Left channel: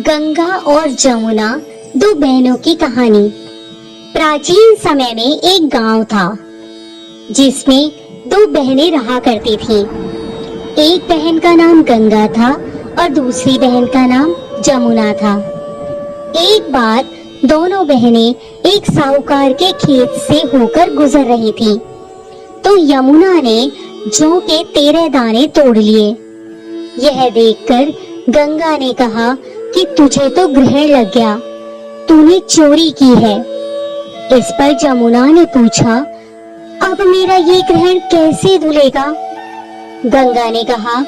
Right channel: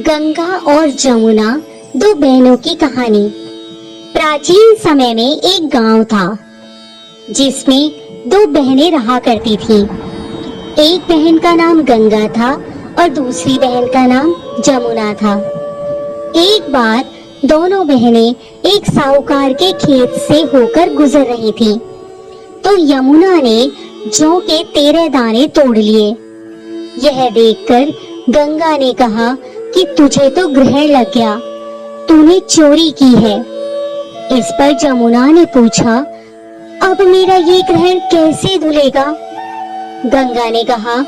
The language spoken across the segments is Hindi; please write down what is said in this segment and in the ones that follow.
गंगा और जमुना, दो बहनों की कहानी। प्राचीन समय में एक गांव था जिसमें दो बहनें रहा करती थीं। एक बहन का नाम गंगा था और दूसरी बहन का नाम जमुना था। एक बार दोनों बहनें एक साहूकार के खेत से होकर गुजर रही थीं, तो यमुना ने जौ के 13 दाने तोड़ लिए। यह देखकर गंगा ने कहा कि तुझे तो ग्रहण लग गया, तूने चोरी की है। इस पर जमुना ने पूछा, अब मेरा ये ग्रहण कैसे धुलेगा? गंगा ने कहा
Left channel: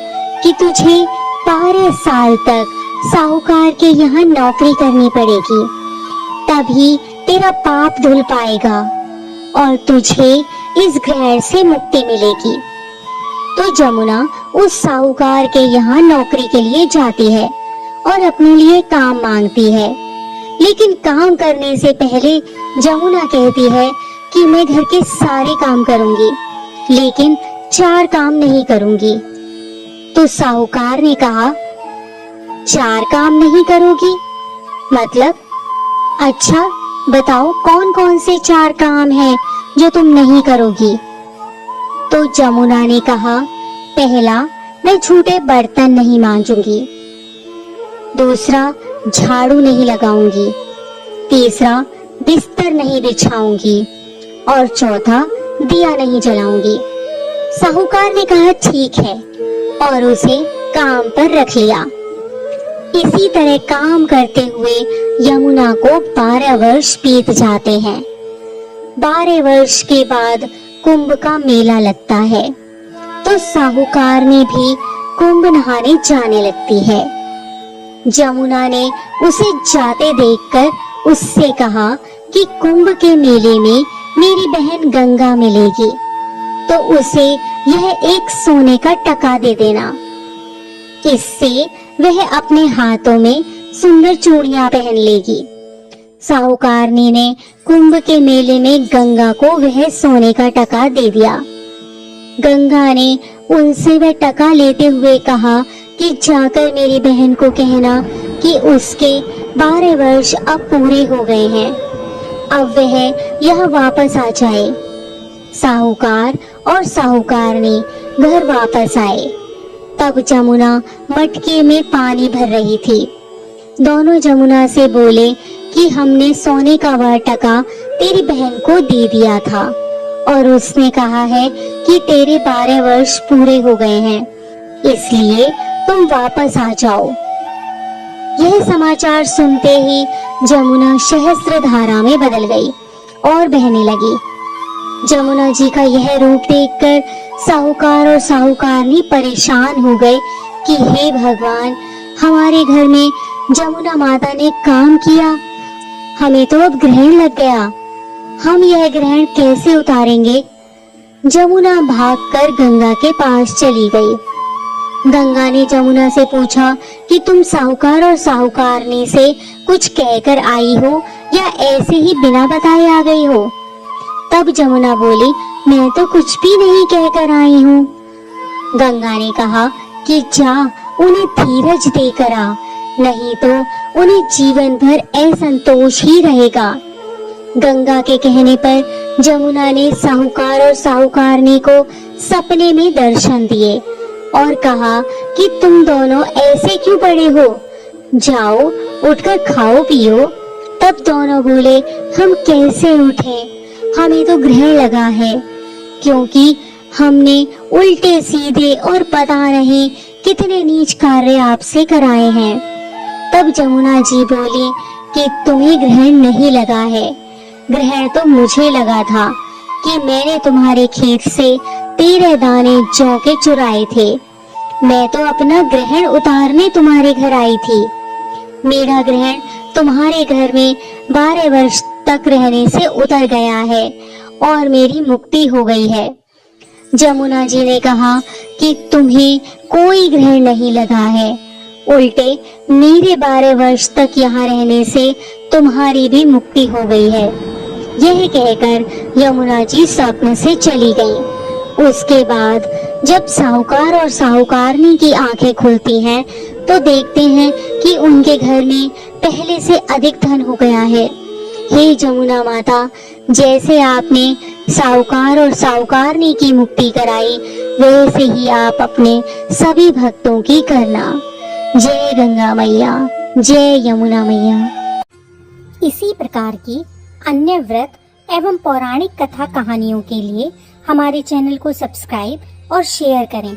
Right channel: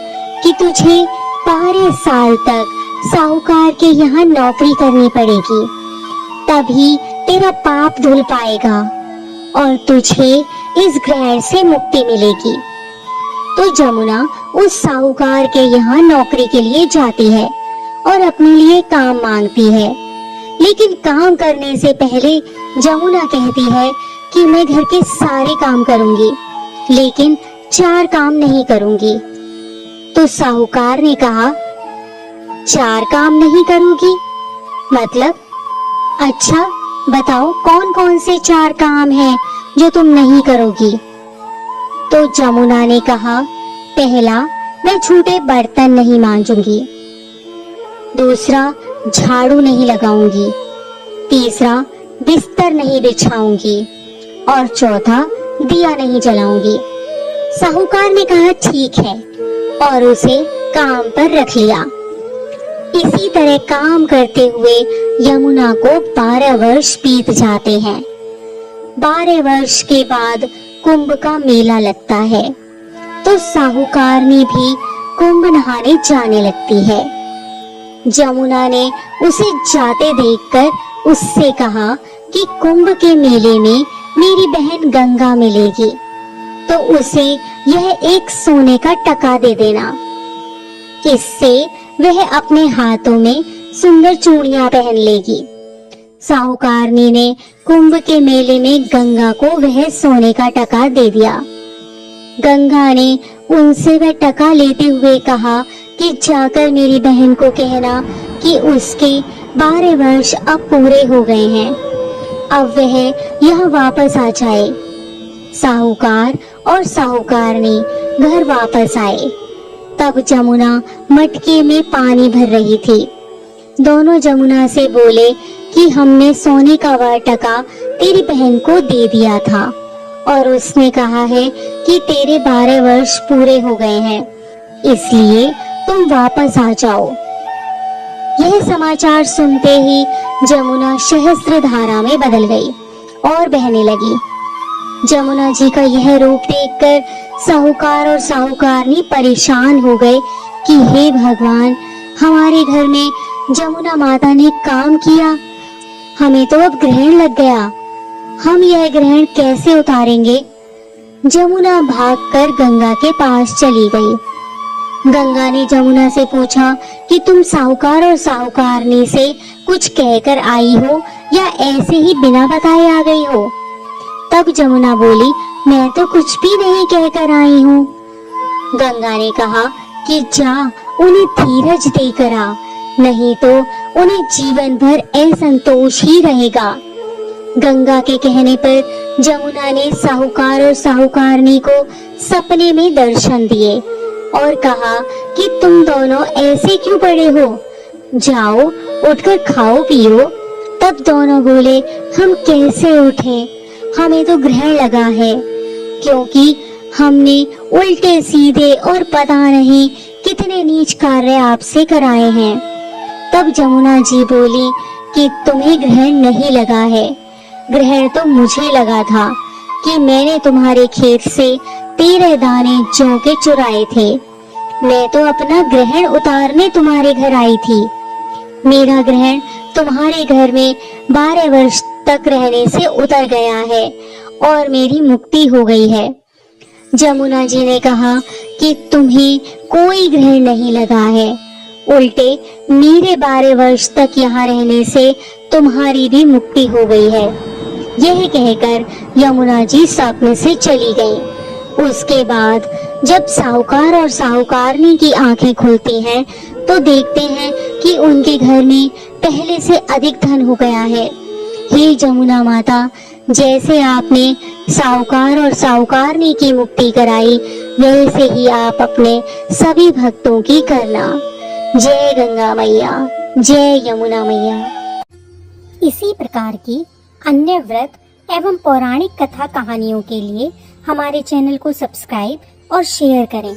कि तुझे 12 साल तक साहूकार के यहाँ नौकरी करनी पड़ेगी, तभी तेरा पाप धुल पाएगा और तुझे इस ग्रहण से मुक्ति मिलेगी। तो जमुना उस साहूकार के यहाँ नौकरी के लिए जाती है और अपने लिए काम मांगती है, लेकिन काम करने से पहले जमुना कहती है कि मैं घर के सारे काम करूंगी, लेकिन 4 काम नहीं करूंगी। तो साहूकार ने कहा, 4 काम नहीं करोगी मतलब? अच्छा बताओ कौन कौन से 4 काम हैं जो तुम नहीं करोगी? तो जमुना ने कहा, पहला, मैं झूठे बर्तन नहीं मांजूंगी। दूसरा, झाड़ू नहीं लगाऊंगी। तीसरा, बिस्तर नहीं बिछाऊंगी और चौथा, दिया नहीं जलाऊंगी। साहूकार ने कहा ठीक है और उसे काम पर रख लिया। इसी तरह काम करते हुए यमुना को 12 वर्ष बीत जाते हैं। 12 वर्ष के बाद कुंभ का मेला लगता है, तो साहूकारनी भी कुंभ नहाने जाने लगती है। जमुना ने उसे जाते देखकर उससे कहा कि कुंभ के मेले में मेरी बहन गंगा मिलेगी, तो उसे यह एक सोने का टका दे देना। इससे वह अपने हाथों में सुंदर चूड़ियां पहन लेगी। साहूकारनी ने कुंभ के मेले में गंगा को वह सोने का टका दे दिया। गंगा ने उनसे वह टका लेते हुए कहा कि जाकर मेरी बहन को कहना कि उसके 12 वर्ष अब पूरे हो गए हैं, अब वह यहाँ वापस आ जाए। साहूकार और साहूकारनी घर वापस आए। तब जमुना मटके में पानी भर रही थी। दोनों जमुना से बोले कि हमने सोने का वह टका तेरी बहन को दे दिया था और उसने कहा है कि तेरे 12 वर्ष पूरे हो गए हैं, इसलिए तुम वापस आ जाओ। यह समाचार सुनते ही जमुना सहस्त्र धारा में बदल गई और बहने लगी। जमुना जी का यह रूप देखकर साहूकार और साहूकारनी परेशान हो गए कि हे भगवान, हमारे घर में जमुना माता ने काम किया, हमें तो अब ग्रहण लग गया, हम यह ग्रहण कैसे उतारेंगे? जमुना भागकर गंगा के पास चली गई। गंगा ने जमुना से पूछा कि तुम साहूकार और साहूकारनी से कुछ कहकर आई हो या ऐसे ही बिना बताए आ गई हो? तब जमुना बोली, मैं तो कुछ भी नहीं कहकर आई हूँ। गंगा ने कहा कि जा उन्हें धीरज देकर आ, नहीं तो उन्हें जीवन भर असंतोष ही रहेगा। गंगा के कहने पर जमुना ने साहूकार और साहूकारनी को सपने में दर्शन दिए और कहा कि तुम दोनों ऐसे क्यों पड़े हो, जाओ उठकर खाओ पियो। तब दोनों बोले, हम कैसे उठें, हमें तो ग्रहण लगा है, क्योंकि हमने उल्टे सीधे और पता नहीं कितने नीच कार्य आपसे कराए हैं। तब जमुना जी बोली कि तुम्हें ग्रहण नहीं लगा है, ग्रहण तो मुझे लगा था कि मैंने तुम्हारे खेत से 13 दाने जौ के चुराए थे। मैं तो अपना ग्रहण उतारने तुम्हारे घर आई थी। मेरा ग्रहण तुम्हारे घर में 12 वर्ष तक रहने से उतर गया है और मेरी मुक्ति हो गई है। जमुना जी ने कहा कि तुम्हें कोई ग्रहण नहीं लगा है, उल्टे मेरे 12 वर्ष तक यहाँ रहने से तुम्हारी भी मुक्ति हो गई है। यह कहकर यमुना जी स्वप्न से चली गईं। उसके बाद जब साहूकार और साहूकारनी की आंखें खुलती हैं तो देखते हैं कि उनके घर में पहले से अधिक धन हो गया है। हे जमुना माता, जैसे आपने साहूकार और साहूकारनी की मुक्ति कराई, वैसे ही आप अपने सभी भक्तों की करना। जय गंगा मैया, जय यमुना मैया। इसी प्रकार की अन्य व्रत एवं पौराणिक कथा कहानियों के लिए हमारे चैनल को सब्सक्राइब और शेयर करें।